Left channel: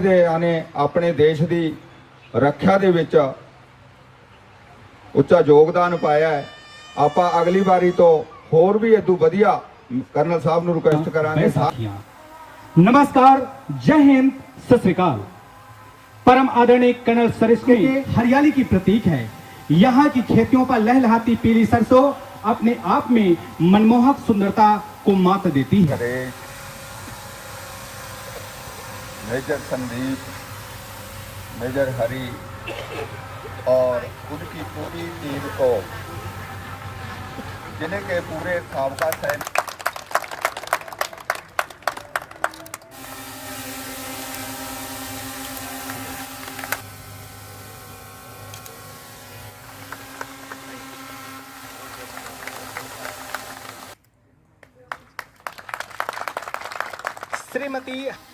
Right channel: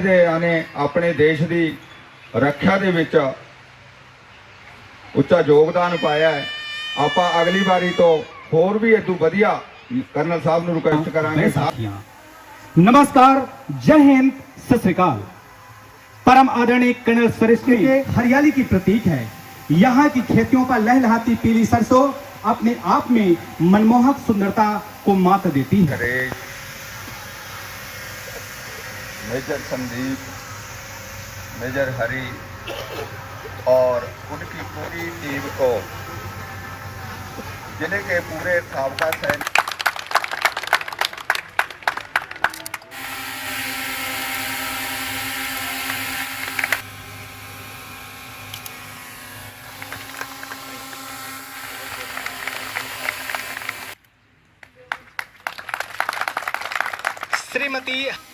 ਦੇ ਆਨੇ ਆਪਣੇ ਦੇਸ਼ ਦੀ ਰੱਖਿਆ ਦੇ ਵਿੱਚ ਉੱਚਾ ਯੋਗਦਾਨ ਪਾਇਆ ਹੈ ਆਪਾਂ ਅਗਲੀ ਵਾਰੀ ਤੋਂ ਹੋਰ ਵੀ ਇਦੋਂ ਵਧੀਆ ਕਰਨਲ ਸਾਹਿਬ ਨੂੰ ਰਿਕਵੈਸਟ ਕਰਾਂਗੇ साथियां नमस्कार जय हिंद सत श्रीकाल परम आदरणीय कर्नल सरिश्री हरियाली की प्रतीक है यहाँ की खेतियों पर लहलहाती पीली सरसों अपने आप में मनमोहक सुंदरता को मात देती है नरेश मेजर संदीप, मेजर हरी और उनकी पूरी टीम को ज़िले के पूरे साबका सैनिक श्रीमती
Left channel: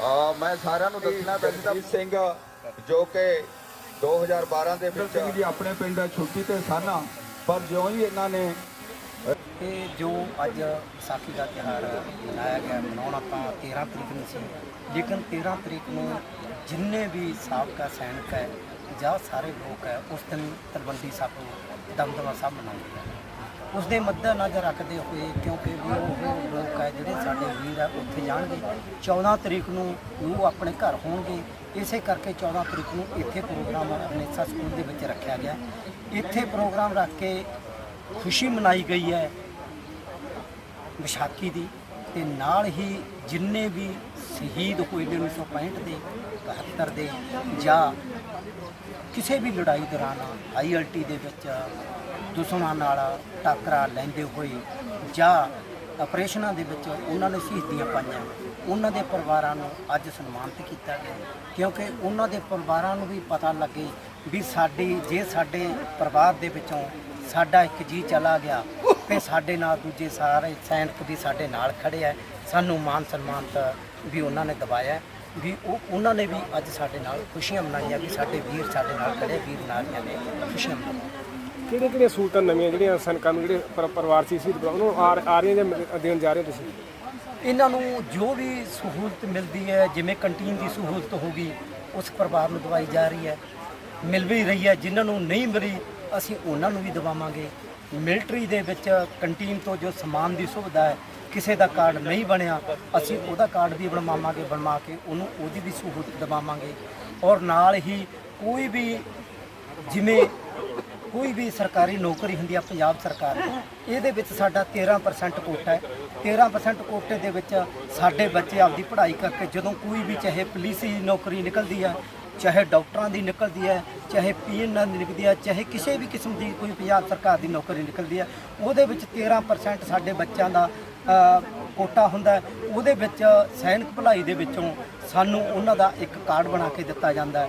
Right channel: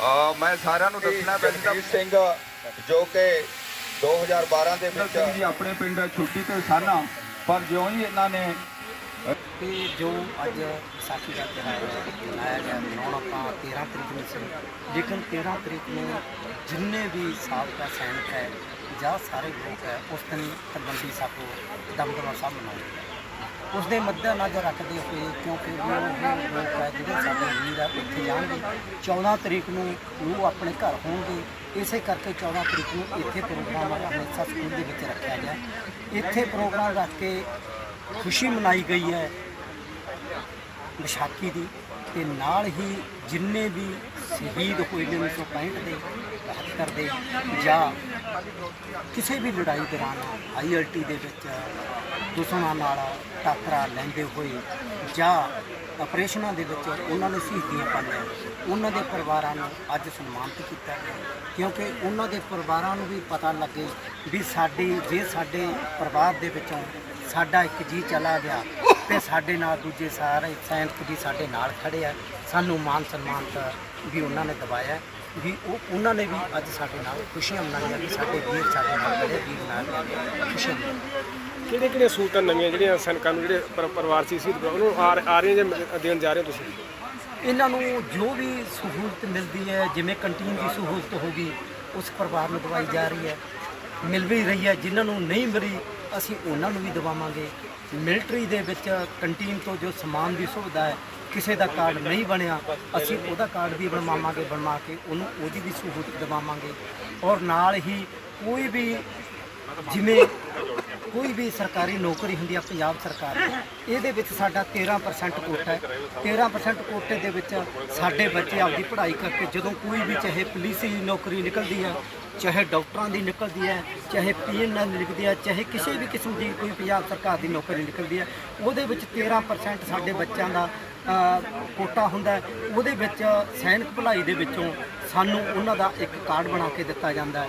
ਮੈਂ ਸਾਰਿਆਂ ਨੂੰ ਦੱਸਣਾ ਪੈਂਦਾ ਸਿੰਘ ਜੋ ਕਿ 2012 ਦੇ ਵਿੱਚ ਜੀ ਆਪਣੇ ਪਿੰਡ ਛੁੱਟੀ ਤੇ ਸਨ ਪਰ ਜਿਉਂ ਹੀ ਇਹਨਾਂ ਨੇ ਇਹ ਜੋ ਅੱਜ ਵਿਸਾਖੀ ਦਾ ਤਿਉਹਾਰ ਮਨਾਇਆ ਗਿਆ ਮਨਾਉਣ ਆਪਾਂ 13 ਤਰੀਕ ਨੂੰ ਸੀ ਲੇਕਿਨ 13 ਤਰੀਕ ਨੂੰ ਜਿੰਨੇ ਵੀ ਸਾਬਕਾ ਸੈਨਿਕ ਹੈ ਜਾਂ ਸਾਰੇ ਲੋਕ ਹੈ ਉਸ ਦਿਨ ਤਲਵੰਡੀ ਸਾਬੋ ਦਮਦਮਾ ਸਾਹਿਬ ਮਨਾਉਂਦੇ ਹੈ ਉਸ ਦੇ ਮੱਦੇਨਜ਼ਰ ਰੱਖਦੇ ਹੋਏ ਕਿਉਂਕਿ ਵੀ ਉਹ ਲੋਕ ਹੈ ਜਿਹੜੇ ਸਾਡੇ ਵੀਰ ਆ, ਉੱਥੇ ਜਾਣਗੇ। 14 ਤਰੀਕ ਨੂੰ ਉਹ ਆਪਣੇ ਘਰ ਹੋਣਗੇ। ਇਸੇ ਕਰਕੇ 14 ਤਰੀਕ ਨੂੰ ਇੱਥੇ ਪ੍ਰੋਗਰਾਮ ਅੰਮ੍ਰਿਤਸਰ ਸਕੂਲ ਦੇ ਵਿੱਚ ਰੱਖਿਆ ਗਿਆ। ਇੱਥੇ ਪ੍ਰੋਗਰਾਮ ਰੱਖ ਕੇ ਖੁਸ਼ੀ ਮਨਾਈ ਗਈ ਹੈ ਵਿਸਾਖੀ ਦੀ। ਤੇ ਨਾਲ ਹੀ ਜਿੰਨੇ ਵੀ ਸ਼ਹੀਦ ਹੋਏ ਨੇ 1965 ਦੇ 71 ਦੇ ਜਾਂ ਕਿਸੇ ਵੀ ਲੜਾਈ ਦੌਰਾਨ ਆਈਐਲਟੀ ਦੇ ਵਿੱਚ ਦੁਸ਼ਮਣਾਂ ਨਾਲ ਟੱਕਰਾ ਲੈਂਦੇ ਹੋਏ ਜਾਂ ਆਪਰੇਸ਼ਨਾਂ ਦੇ ਵਿੱਚ ਉਹਨਾਂ ਨੇ ਸ਼ਹੀਦੀਆਂ ਪਾਈਆਂ, ਉਹਨਾਂ ਦੇ ਪਰਿਵਾਰਾਂ ਨੂੰ ਅੱਜ ਸਨਮਾਨਿਤ ਕੀਤਾ ਗਿਆ। ਕਿਉਂਕਿ ਉਹਨਾਂ ਦੇ ਪਰਿਵਾਰਾਂ ਨੂੰ ਵੀ ਪਤਾ ਲੱਗੇ ਵੀ ਸਾਡੀ, ਜੇ ਸਾਡੇ ਪਰਿਵਾਰ ਦੇ ਵਿੱਚੋਂ ਸਾਡਾ ਇੱਕ ਜੀ ਚਲਾ ਗਿਆ, ਤੇ ਸਾਡੇ ਨਾਲ ਦੂਜੇ ਸਾਰੇ ਸੈਨਿਕ ਵੀ ਸਾਡੇ ਨਾਲ ਖੜੇ ਆ। ਸਾਨੂੰ ਮਾਨ ਸਨਮਾਨ ਵੀ ਉਹਨਾਂ ਨੇ ਦਵਾਇਆ। ਵੀ ਉਹ ਉਹਨਾਂ ਨੇ ਵੀ ਅੱਜ ਸਾਡੇ ਨਾਲ ਖੁਸ਼ੀਆਂ ਮਨਾਈਆਂ ਵੀ ਸਾਡੇ ਵੀਰ ਸਾਡੇ ਨਾਲ ਖੜੇ ਵੀਰ ਨਾਲ ਖੜੇ ਖੁਸ਼ੀਆਂ ਮਨਾਈਆਂ। ਕਿਹੜੇ ਕਿਹੜੇ ਸਹੂਲਤਾਂ ਨਵੀਆਂ ਜਿਹੜੀਆਂ ਸੈਨਿਕਾਂ ਨੂੰ ਜਿਹੜੇ ਪਰ- ਪਰਿਵਾਰ ਸੀ ਸੀ ਉਹਨੂੰ ਆ ਆ ਰਹੀਆਂ ਜਾਂ ਦੇਣ ਜਾ ਰਹੇ ਹੋ ਤੁਸੀਂ? ਇਹਨਾਂ ਨੂੰ ਜੋ ਵੀ ਸਹੂਲਤ ਮਿਲਦੀ ਹੈ ਜਿਵੇਂ ਕੰਟੀਨ ਦੀ ਸਹੂਲਤ ਹੋਗੀ ਉਸ ਪਰਿਵਾਰ ਨੂੰ ਦਵਾਈ ਜਾ ਰਹੀ ਹੈ ਮਿਲ ਵੀ ਰਹੀ ਹੈ। ਜਿਨ੍ਹਾਂ ਨੂੰ ਨਹੀਂ ਮਿਲੀ ਅਸੀਂ ਉਹਨਾਂ ਨੂੰ ਵੀ ਦਵਾਵਾਂਗੇ। ਮਿਲਟਰੀ ਦੇ ਵਿੱਚ ਕੰਟੀਨ ਤੋਂ ਜੋ ਸਮਾਨ ਦੀ ਸੁਵਿਧਾ ਹੈ ਕਿਸੇ ਦਾ ਕਾਰਡ ਨਹੀਂ ਬਣਿਆ, ਅਸੀਂ ਉਹਦਾ ਕਾਰਡ ਵੀ ਬਣਵਾਵਾਂਗੇ, ਬਣਵਾ ਕੇ ਉਹਨੂੰ ਉਹਦੀ ਵੀ ਸਹੂਲਤ ਦਿਵਾਵਾਂਗੇ। ਔਰ ਨਾਲ ਹੀ ਕੋਈ ਵੀ ਜਿਵੇਂ ਕੋਈ ਵੀ ਸਰਕਾਰੀ ਨੌਕਰੀ ਹੁੰਦੀ ਆ ਪੰਜਾਬ ਸਰਕਾਰ ਦੀ ਇਹਦੇ ਵਿੱਚ ਸਾਡਾ 13% ਕੋਟਾ ਹੈ। 13% ਕੋਟੇ ਦੇ ਵਿੱਚ ਸਾਡੇ ਬੱਚੇ ਆਪਦੀ ਪੜ੍ਹਾਈ ਕਰਕੇ ਜਦੋਂ ਕੋਈ ਵੀ ਚਾਹੇ ਪੁਲਿਸ ਦੀ ਨੌਕਰੀ ਨਿਕਲਦੀ ਹੈ ਚਾਹੇ ਡਾਕਟਰਾਂ ਦੀ ਨਿਕਲਦੀ ਹੈ ਚਾਹੇ ਪੀਐਨ ਦੀ ਨਿਕਲਦੀ ਹੈ ਚਾਹੇ ਕਿਸੇ ਵੀ ਕਿਸਮ ਦੀ ਕੋਈ ਪੰਜਾਬ ਸਰਕਾਰ ਦੀ ਨੌਕਰੀ ਨਿਕਲਦੀ ਹੈ ਉਹਦੇ ਵਿੱਚ 13% ਸਾਡੇ ਬੱਚਿਆਂ ਦਾ ਕੋਟਾ ਹੁੰਦਾ ਉਹਦੇ ਵਿੱਚ ਸੈਨਿਕ ਭਲਾਈ ਦੇ ਵਿੱਚੋਂ ਸਾਨੂੰ ਉਹਨਾਂ ਦਾ ਇੱਕ ਕਾਰਡ ਬਣਾ ਕੇ ਦਿੱਤਾ ਜਾਂਦਾ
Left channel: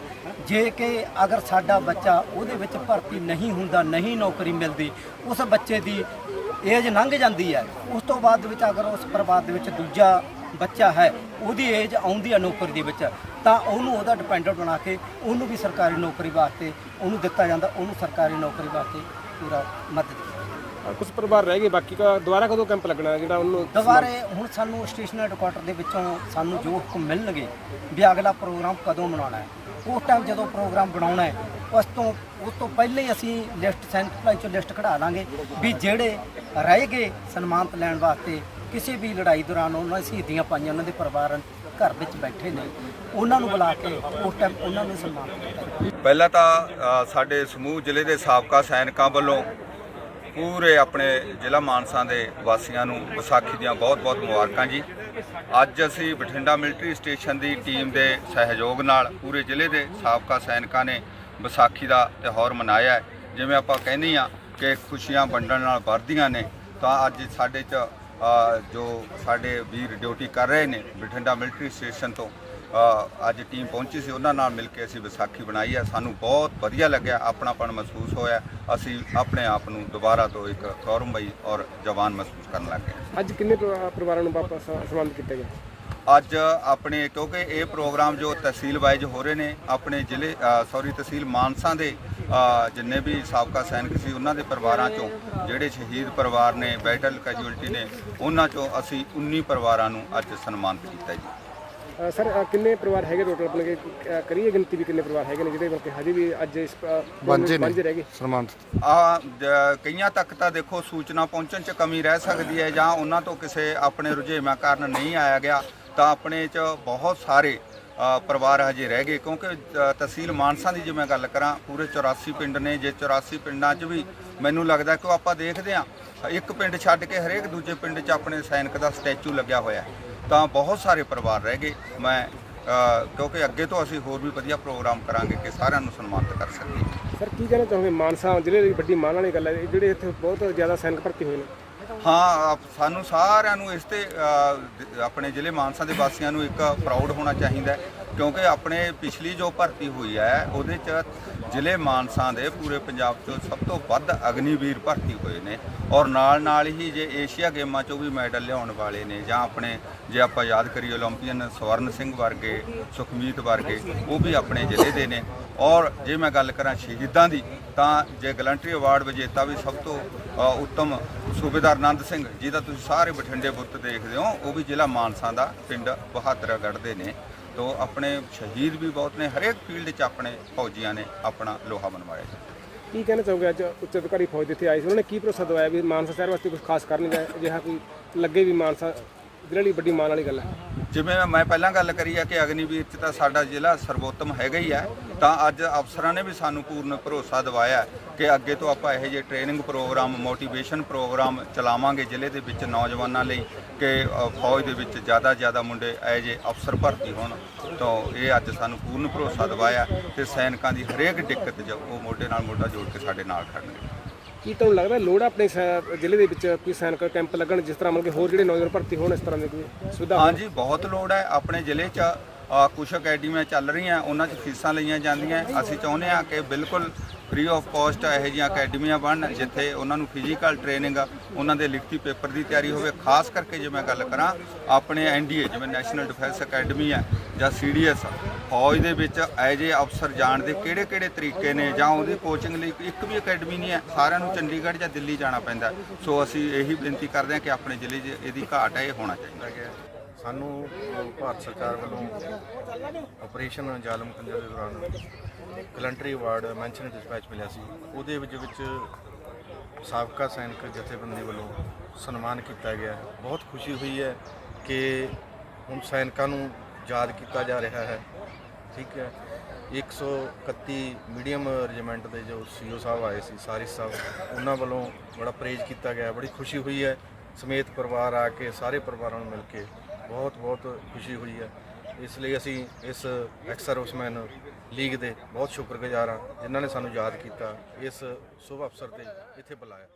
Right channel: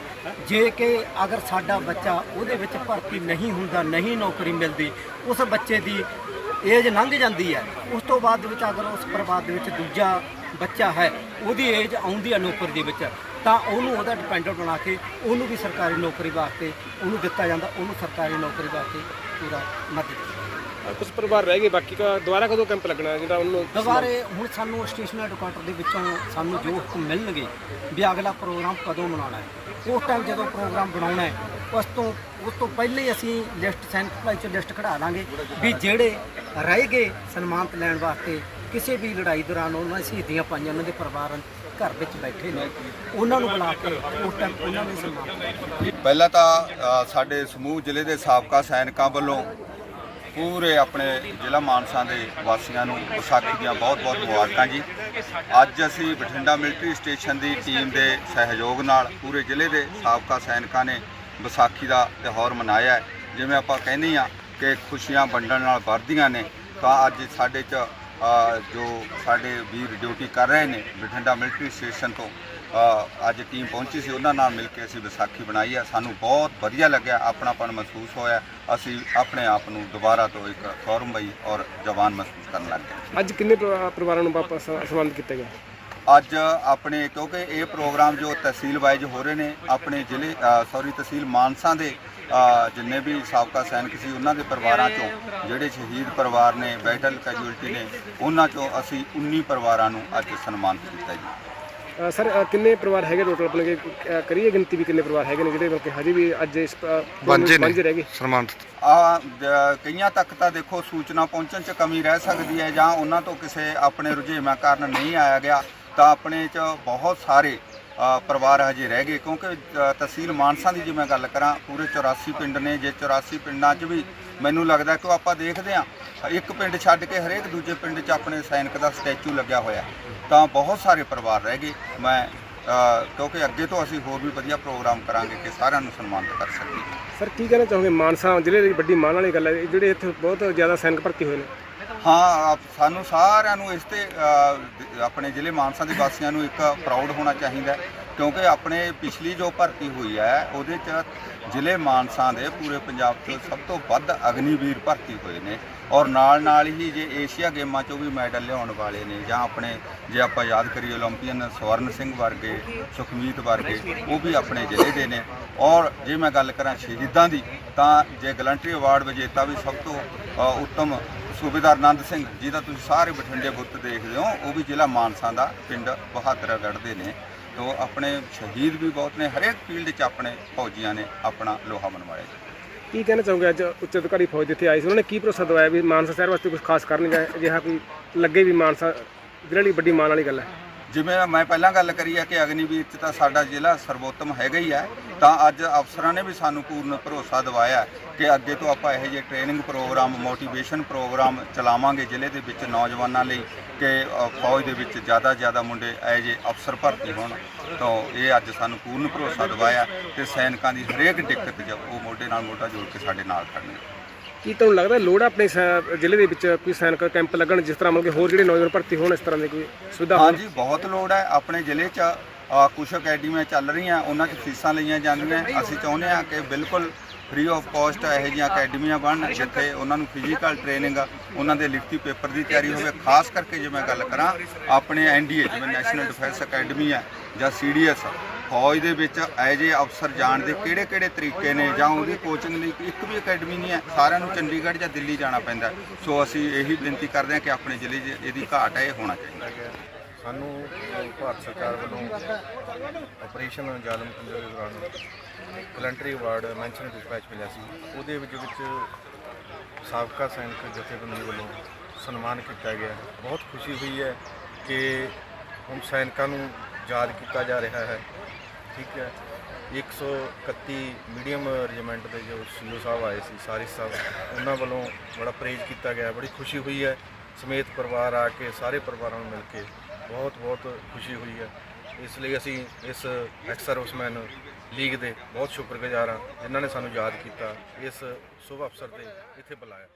ਜੇ ਕਿ ਅਗਰ ਸਾਡਾ ਬੱਚਾ ਉਹਦੇ ਵਿੱਚ ਭਰਤੀ ਨਹੀਂ ਹੁੰਦਾ, ਨਹੀਂ ਨੌਕਰੀ ਮਿਲਦੀ, ਉਸ ਬੱਚੇ ਦੀ ਏਜ ਲੰਘ ਜਾਂਦੀ ਹੈ। ਉਸ ਤੋਂ ਬਾਅਦ ਵਿੱਚ ਅਗਰ ਉਸ ਪਰਿਵਾਰ ਦੇ ਵਿੱਚ ਦੂਜਾ ਬੱਚਾ ਹੈ, ਉਹਦੀ ਏਜ ਆਉਂਦੀ ਹੈ ਨੌਕਰੀ ਦੇ ਵਿੱਚ, ਤਾਂ ਉਹਨੂੰ ਉਹਦਾ ਡਿਪੈਂਡੈਂਟ ਬਣਾ ਕੇ ਉਹਨੂੰ ਵੀ ਸਰਕਾਰੀ ਨੌਕਰੀ ਵਾਸਤੇ ਉਹਨੂੰ ਦਿੱਤਾ ਜਾਂਦਾ, ਉਹਨੂੰ ਸਰਕਾਰੀ ਨੌਕਰੀ ਵਾਸਤੇ ਪੂਰਾ ਮਦਦ ਕੁਝ ਪਰਿਵਾਰ ਰਹਿ ਗਏ ਬਾਕੀ ਦਾ ਦੁਬਾਰਾ ਕਦੋਂ ਕੈਂਪ ਲੱਗਣਾ ਜਿਹੜਾ ਉਹਨੂੰ ਦੁਬਾਰੇ ਹੁਣ ਸਾਨੂੰ ਸਟੇਸ਼ਨ ਹੈਡਕੁਆਟਰ ਦੇ ਵਿੱਚੋਂ ਸਾਨੂੰ ਜੋ ਹੁਕਮ ਮਿਲਣਗੇ ਵੀ ਅਗਲਾ ਪ੍ਰੋਗਰਾਮ ਕਦੋਂ ਬਣਾਉਣਾ ਹੈ ਉਸ ਟਾਈਮ ਜਦੋਂ ਪ੍ਰੋਗਰਾਮ ਬਣਾਉਣਾ ਹੈ ਉਸ ਤੋਂ ਉਸ ਤੋਂ ਪਹਿਲੇ ਹੀ ਅਸੀਂ ਲਿਸਟ ਸੈਂਟ ਭਲਾਈ ਚੋਂ ਲਿਸਟ ਕਢਾ ਲਾਂਗੇ ਵੀ ਜਿਹੜੇ ਰਹਿ ਗਏ ਸਨਮਾਨਤ ਲੈਣ ਵਾਸਤੇ ਕਿਸੇ ਵੀ ਲੜਾਈ ਦੌਰਾਨ ਉਹਨਾਂ ਨੇ ਸ਼ਹੀਦੀਆਂ ਪਾਈਆਂ ਉਹਨਾਂ ਦੇ ਪਰਿਵਾਰ ਘਰ ਵਿੱਚ ਬੈਠੇ ਨੇ ਉਹਨਾਂ ਨੂੰ ਬੁਲਾ ਕੇ ਉਸ ਟਾਈਮ ਉਹਨਾਂ ਨੂੰ ਸਨਮਾਨਿਤ ਕੀਤਾ। ਪਹਿਲਾਂ ਤਾਂ ਸਾਡੇ ਸਮੂਹ ਜ਼ਿਲ੍ਹੇ ਦੇ ਸਾਬਕਾ ਸੈਨਿਕਾਂ ਵੱਲੋਂ ਪੂਰੇ ਆਪਣੇ ਜ਼ਿਲ੍ਹਾ ਮਾਨਸਾ ਦੇ ਵਾਸੀਆਂ ਨੂੰ ਵਿਸਾਖੀ ਦੀਆਂ ਬਹੁਤ-ਬਹੁਤ ਮੁਬਾਰਕਾਂ ਜੀ। ਅੱਜ ਅਸੀਂ ਬਠਿੰਡਾ ਮਿਲਟਰੀ ਸਟੇਸ਼ਨ ਦੀ ਟੀਮ ਦੇ ਸਹਿਯੋਗ ਨਾਲ ਪੂਰੇ ਜ਼ਿਲ੍ਹੇ ਦੇ ਸਾਬਕਾ ਸੈਨਿਕਾਂ ਨੇ ਵਿਸਾਖੀ ਦਾ ਤਿਉਹਾਰ ਮਨਾਇਆ ਜਿਵੇਂ ਆਪਾਂ ਕਹਿੰਦੇ ਆ ਕਿ ਖੁਸ਼ੀਆਂ ਵੰਡਣ ਨਾਲ ਵੱਧਦੀਆਂ ਨੇ, ਤਾਂ ਅੱਜ ਸਾਡੇ 'ਚ ਜੋ ਸਾਡੇ ਵੀਰ ਡਿਊਟੀ ਕਰ ਰਹੇ ਨੇ ਬਠਿੰਡਾ ਮਿਲਟਰੀ ਸਟੇਸ਼ਨ ਤੋਂ ਅੱਜ ਟੀਮ ਪਹੁੰਚੀ ਸੀ ਉਹਨਾਂ ਨਾਲ ਮਿਲ ਕੇ ਅਸੀਂ ਵਿਸਾਖੀ ਬਣਾਈ ਹੈ। ਸਾਨੂੰ ਬਹੁਤ ਵਧੀਆ ਲੱਗਿਆ ਆਪਣਾਪਣ ਮਹਿਸੂਸ ਹੋਇਆ। ਅਸੀਂ ਆਪਣੇ ਆਪ ਨੂੰ ਦੁਬਾਰਾ ਤੋਂ ਇੱਕ ਗੌਰਵਮਈ ਔਰ ਜਵਾਨ ਮਹਿਸੂਸ ਕਰਨ ਲੱਗ ਗਏ। ਅੱਜ ਕਿੰਨੇ ਪਰਿਵਾ- ਪਰਿਵਾਰਾਂ ਨੂੰ ਵਾਪਸ ਸਬੰਧ ਕੀਤਾ ਗਿਆ? ਅੱਜ ਆਪਣੇ ਕਿਉਂਕਿ ਇਹ ਪ੍ਰੋਗਰਾਮ ਜੋ ਤਹਿਸੀਲ ਵਾਈਜ਼ ਹੋ ਰਹੇ ਨੇ ਆਪਣੇ ਜ਼ਿਲ੍ਹੇ ਸੌਰੀ ਤਹਿਸੀਲ ਮਾਨਸਾ ਦੇ ਜਿੰਨੇ ਵੀ ਸਾਬਕਾ ਸੈਨਿਕ ਸੀ ਉਹਨਾਂ ਦੇ ਪਰਿਵਾਰਾਂ ਚੋਂ ਜਿਹੜੇ ਸ਼ਹੀਦ ਪਰਿਵਾਰ ਨੇ ਬੈਟਲ ਕੈਜੂਅਲਟੀ ਨੇ ਉਹਨਾਂ ਚੋਂ ਅਸੀਂ 19 ਪਰਿਵਾਰਾਂ ਨੂੰ ਅੱਜ ਸਨਮਾਨਿਤ ਕੀਤਾ ਜੀ। ਸਰ ਅ, ਕਿੰਨੇ ਪਰਿਵਾਰ ਹੈਗੇ ਟੋਟਲ ਆਪਣੇ ਕਿ ਅ, ਕਰੀਏ ਗਿਣਤੀ ਵੀ ਕਿੰਨੇ ਪਰਿਵਾਰ ਹੈਗੇ ਨੇ ਜਿਹੜੇ ਮਤਲਬ ਕਿ ਹਜੇ ਵੀ ਅੱਜ ਇਸ ਵਾਂਝੇ ਨੇ ਰਹਿ ਗਏ? ਆ ਕਈਆਂ ਤੱਕ ਤਾਂ ਦੇਖੋ ਸੂਚਨਾ ਪਹੁੰਚਣ 'ਚ ਕਮੀ ਰਹਿ ਸਕਦੀ ਹੈ ਜਾਂ ਉਹਨਾਂ ਤੋਂ ਕਿਸੇ ਆਪਣੇ ਰੁਝੇਵਾਂ ਕਾਰਨ ਨਹੀਂ ਆਇਆ ਗਿਆ ਤਾਂ ਆਪਣੇ 'ਚ ਬਹੁਤ ਸਾਰੇ ਅ, ਪਰਿਵਾਰ ਹਜੇ ਰਹਿ ਗਏ। ਕਿਉਂਕਿ ਅ, ਤਹਿਸੀਲ ਮਾਨਸਾ ਦੀ ਜੇ ਮੈਂ ਗੱਲ ਕਰਾਂ ਪੂਰੇ 84 ਪਿੰਡ ਨੇ। ਜੇ 84 ਪਿੰਡਾਂ 'ਚ ਵੀ ਮੈਨੂੰ ਲੱਗਦਾ ਕਿ ਉਹ ਆਪਾਂ ਦੇਖਦੇ ਆ ਇੱਕ ਪਿੰਡ ਛੱਡ ਕੇ ਹਰੇਕ ਦੂਜੇ ਪਿੰਡ 'ਚ ਆਪਣੇ ਸੈਨਿਕ ਦਾ ਸਟੈਚੂ ਲੱਗਿਆ ਹੋਇਆ। ਹੈ। ਤਾਂ ਬਹੁਤ ਸਾਰੇ ਪਰਿਵਾਰ ਰਹਿ ਗਏ। ਮੈਂ ਕਿਉਂਕਿ ਅੱਗੇ ਤੋਂ ਅਸੀਂ ਹੋਰ ਵੀ ਵਧੀਆ ਪ੍ਰੋਗਰਾਮ ਕਰਾਂਗੇ ਕਿ ਸਾਰਿਆਂ ਨੂੰ ਸਨਮਾਨਿਤ ਕਰ ਸਕੀਏ। ਸਰ ਕੀ ਕਹਿਣਾ ਚਾਹੋਗੇ? ਮਾਨਸਾ ਜ਼ਿਲ੍ਹੇ ਦੀ ਵੱਡੀ ਮਾਣ ਵਾਲੀ ਗੱਲ ਹੈ ਜਿਹੜੇ ਇੱਥੇ ਬਹੁਤ ਜ਼ਿਆਦਾ ਸੈਨਿਕ ਭਰਤੀ ਹੋਏ ਨੇ। ਹਾਂ ਸਾਨੂੰ ਸਾਰਿਆਂ ਨੂੰ ਇਸ ਤੇ ਆਪਣੇ ਜ਼ਿਲ੍ਹੇ ਮਾਨਸਾ ਦੇ ਵਾਸੀਆਂ ਨੂੰ ਇੱਕ ਪ੍ਰਾਊਡ ਹੋਣਾ ਚਾਹੀਦਾ ਕਿਉਂਕਿ ਆਪਣੇ ਪਿਛਲੀ ਜੋ ਭਰਤੀ ਹੋਈ ਹੈ, ਉਹਦੇ 'ਚ ਜ਼ਿਲ੍ਹੇ ਮਾਨਸਾ ਦੇ ਪੂਰੇ ਪੰਜਾਬ 'ਚ ਸਭ ਤੋਂ ਵੱਧ ਅਗਨੀਵੀਰ ਭਰਤੀ ਹੋਏ ਨੇ। ਔਰ ਨਾਲ ਨਾਲ ਹੀ ਜੇ ਏਸ਼ੀਆ ਗੇਮਾਂ 'ਚੋਂ ਵੀ ਮੈਡਲ ਲਿਆਉਣ ਵਾਲੇ ਨੇ, ਜਾਂ ਆਪਣੇ ਜੇ ਆਪਾਂ ਯਾਦ ਕਰੀਏ 올림픽ੀਅਨ ਸਵਰਨ ਸਿੰਘ ਵਰਗੇ, ਸੁਖਮੀਤ ਵਰਗੇ, ਉਹ ਵੀ ਆਪਣੇ ਜ਼ਿਲ੍ਹੇ ਦੇ ਨੇ। ਔਰ ਜੇ ਮੈਂ ਗੱਲ ਕਰਾਂ ਸ਼ਹੀਦਾਂ ਦੀ, ਤਾਂ ਜੇ ਗਲੰਟਰੀ ਅਵਾਰਡ ਵਿਜੇਤਾ ਵੀ ਸਭ ਤੋਂ ਉੱਤਮ ਸੂਬੇਦਾਰ ਨੰਦ ਸਿੰਘ, ਜਿਹਦਾ ਤੁਸੀਂ ਸਾਰੇ ਬਠਿੰਡੇ ਬੁੱਤ ਦੇਖਦੇ ਹੋ, ਉਹ ਵੀ ਜ਼ਿਲ੍ਹਾ ਮਾਨਸਾ ਦਾ ਪਿੰਡ ਬਹਾਦਰਗੜ੍ਹ ਦੇ ਨੇ। ਤੋਂ ਆਪਣੇ ਸ਼ਹੀਦ ਵੀ ਬਹੁਤ ਨੇ, ਹਰੇਕ ਫੀਲਡ 'ਚ ਆਪਣੇ ਫੌਜੀਆਂ ਨੇ ਆਪਣਾ ਲੋਹਾ ਮਨਵਾਇਆ ਜੀ। ਕੀ ਕਹਿਣਾ ਚਾਹੋਗੇ ਅੱਜ ਉੱਚ ਅਧਿਕਾਰੀ ਫੌਜ ਜਿੱਥੇ ਆਈ ਸੀ? ਉਹਨਾਂ ਨੇ ਕੀ ਭਰੋਸਾ ਦਵਾਇਆ ਵੀ ਮਾਨਸਾ ਸ਼ਹਿਰ ਵਾਸਤੇ ਕੁਝ ਖਾਸ ਕਰਨਗੇ ਅਜਿਹਾ ਕੋਈ ਲੱਗੇ ਵੀ ਮਾਨਸਾ ਜ਼ਿਲ੍ਹੇ ਲਈ ਵੱਡੀ ਮਾਣ ਵਾਲੀ ਗੱਲ ਹੈ? ਜਿਵੇਂ ਮੈਂ ਪਹਿਲਾਂ ਗੱਲ ਕਰੀ ਹੈ ਕਿ ਅਗਨੀਵੀਰ 'ਚ ਤਾਂ ਸਾਡਾ ਜ਼ਿਲ੍ਹਾ ਸਰਵੋਤਮ ਹੈਗਾ ਹੀ ਹੈ ਤਾਂ ਅੱਜ ਅਫਸਰਾਂ ਨੇ ਵੀ ਸਾਨੂੰ ਪੂਰਨ ਭਰੋਸਾ ਦਿਵਾਇਆ ਕਿ ਅੱਗੇ ਤੋਂ ਆਪਾਂ ਇਹੋ ਜਿਹੇ ਟ੍ਰੇਨਿੰਗ ਪ੍ਰੋਗਰਾਮ ਮੋਟੀਵੇਸ਼ਨ ਪ੍ਰੋਗਰਾਮ ਚਲਾਵਾਂਗੇ ਜ਼ਿਲ੍ਹੇ ਦੇ ਵਿੱਚ ਨੌਜਵਾਨਾਂ ਲਈ ਕਿ ਫੌਜ ਦੇ ਵਿੱਚ ਜ਼ਿਆਦਾ ਜ਼ਿਆਦਾ ਮੁੰਡੇ ਐਜ਼ ਜਿਹੇ ਅਫਸਰ ਭਰਤੀ ਹੋਣ। ਤਾਂ ਇਹ ਅੱਜ ਸਾਨੂੰ ਪੂਰਨ ਭਰੋਸਾ ਦਿਵਾਇਆ ਤੇ ਸੈਨਿਕਾਂ ਦੀ ਹਰੇਕ ਦਿੱਕਤ ਜੋ ਉਹ ਮੋਢੇ ਨਾਲ ਮੋਢਾ ਜੋੜ ਕੇ ਸਾਡੇ ਨਾਲ ਖੜਨਗੇ ਕੀ ਤੁਹਾਨੂੰ ਲੱਗਦਾ ਲੋੜ ਆ ਆਪਣੇ ਸ- ਜ਼ਿਲ੍ਹੇ ਦੇ ਵਿੱਚ ਕੋਈ ਸੈਨਿਕ ਕੈਂਪ ਲੱਗਣ ਜਿਸ ਤਰ੍ਹਾਂ ਮਤਲਬ ਕਿ ਹੋਰ ਜਿਹੜੇ ਨੌਜਵਾਨ ਭਰਤੀ ਹੋਣ ਇਸ ਤਰ੍ਹਾਂ ਦੀ ਕੋਈ ਸੁਵਿਧਾ ਹੋਵੇ? ਹਾਂਜੀ ਬਹੁਤ ਲੋੜ ਹੈ। ਆਪਣੇ ਜ਼ਿਲ੍ਹੇ 'ਚ ਅ, ਕੁਛ ਅਕੈਡਮੀਆਂ ਚੱਲ ਰਹੀਆਂ ਉਹਨਾਂ 'ਚ ਫੀਸਾਂ ਲਈਆਂ ਜਾਂਦੀਆਂ। ਅਸੀਂ ਚਾਹੁੰਦੇ ਹਾਂ ਕਿ ਬਿਲਕੁਲ ਫ੍ਰੀ ਆਫ ਕਾਸਟ ਇਹੋ ਜਿਹੀਆਂ ਅਕੈਡਮੀਆਂ ਬਣਨ ਜਿੱਥੇ ਉਹਨਾਂ ਨੂੰ ਫਿਜ਼ੀਕਲ ਟ੍ਰੇਨਿੰਗ ਉਹਨਾਂ ਦੇ ਲਿਖਤੀ ਪੇਪਰ ਦੀ ਤਿਆਰੀ ਹੋਵੇ। ਖਾਸ ਕਰਕੇ ਜੇ ਮੈਂ ਗੱਲ ਕਰਾਂ ਆਪਣੇ ਐਨਡੀਏ ਜਿਵੇਂ ਨੈਸ਼ਨਲ ਡਿਫੈਂਸ ਅਕੈਡਮੀ ਹੈ ਜਾਂ ਸੀਡੀਐਸ ਫੌਜ ਦੇ ਵਿੱਚ ਐ ਜੇ ਅਫਸਰ ਜਾਣ ਦੇ ਕਿਹੜੇ ਕਿਹੜੇ ਤਰੀਕੇ ਨੇ ਜਾਂ ਉਹਦੀ ਕੋਚਿੰਗ ਲਈ ਇੱਕ ਵੀ ਅਕੈਡਮੀ ਨਹੀਂ ਹੈ, ਸਾਰਿਆਂ ਨੂੰ ਚੰਡੀਗੜ੍ਹ ਜਾਂ ਦਿੱਲੀ ਜਾਣਾ ਪੈਂਦਾ ਸੋ ਅਸੀਂ ਇਹੀ ਬੇਨਤੀ ਕਰਦੇ ਹਾਂ ਕਿ ਆਪਣੇ ਜ਼ਿਲ੍ਹੇ 'ਚ ਇਹਦੀ ਘਾਟ ਹੈ, ਇਹ ਹੋਣਾ ਚਾਹੀਦਾ ਸਾਨੂੰ ਭਾਰਤ ਸਰਕਾਰ ਵੱਲੋਂ ਆਪਰੇਸ਼ਨ ਜ਼ਾਲਮ ਖੰਜਰ ਦੇ ਦੌਰਾਨ ਕਲੰਟਰੀ ਅਵਾਰਡ ਮੈਂਸ਼ਨ ਡਿਸਪੈਚ ਮਿਲਿਆ ਸੀ। ਉਹਦੇ ਵਿੱਚ ਵਿੱਚ ਸਾਬਕਾ ਸੈਨਿਕ ਜਥੇਬੰਦੀ ਵੱਲੋਂ ਸਨਮਾਨ ਕੀਤਾ ਗਿਆ। ਬਹੁਤ ਖੁਸ਼ੀ ਹੋਈ ਹੈ ਕਿ ਹੁਣ ਸੈਨਿਕਾਂ ਨੂੰ ਯਾਦ ਕੀਤਾ ਜਾ ਰਿਹਾ ਹੈ। ਠੀਕ ਹੈ। 131 ਮੀਡੀਅਮ ਰੈਜੀਮੈਂਟ ਦੇ ਜੋ ਸੀਓ ਸਾਹਿਬ ਆਏ ਸੀ, ਸਾਰਿਸ ਸਾਹਿਬ, ਉਹਨਾਂ ਵੱਲੋਂ ਬੜਾ ਪ੍ਰੇਜ ਕੀਤਾ ਗਿਆ। ਬੜੀ ਖੁਸ਼ੀ ਹੋਈ ਹੈ। ਸਮੇਤ ਪਰਿਵਾਰ ਆ ਕੇ, ਸਾਰੇ ਪਰਿਵਾਰਾਂ ਨੂੰ ਮਿਲ ਕੇ ਬਹੁਤ ਬਹੁਤ ਖੁਸ਼ੀ ਹੋਈ ਹੈ। ਇਸ ਲਈ ਅਸੀਂ ਇਸ ਐਕਸ ਸਰਵਿਸਮੈਨ ਲੀਗ ਦੇ ਬਹੁਤ ਸ਼ੁਕਰਗੁਜ਼ਾਰ ਹਾਂ, ਜਿਨ੍ਹਾਂ ਨੇ ਸਾਨੂੰ ਯਾਦ ਕੀਤਾ, ਇਸ ਸ਼ੁਭ ਅਵਸਰ ਤੇ ਇੱਥੇ ਬੁਲਾਇਆ।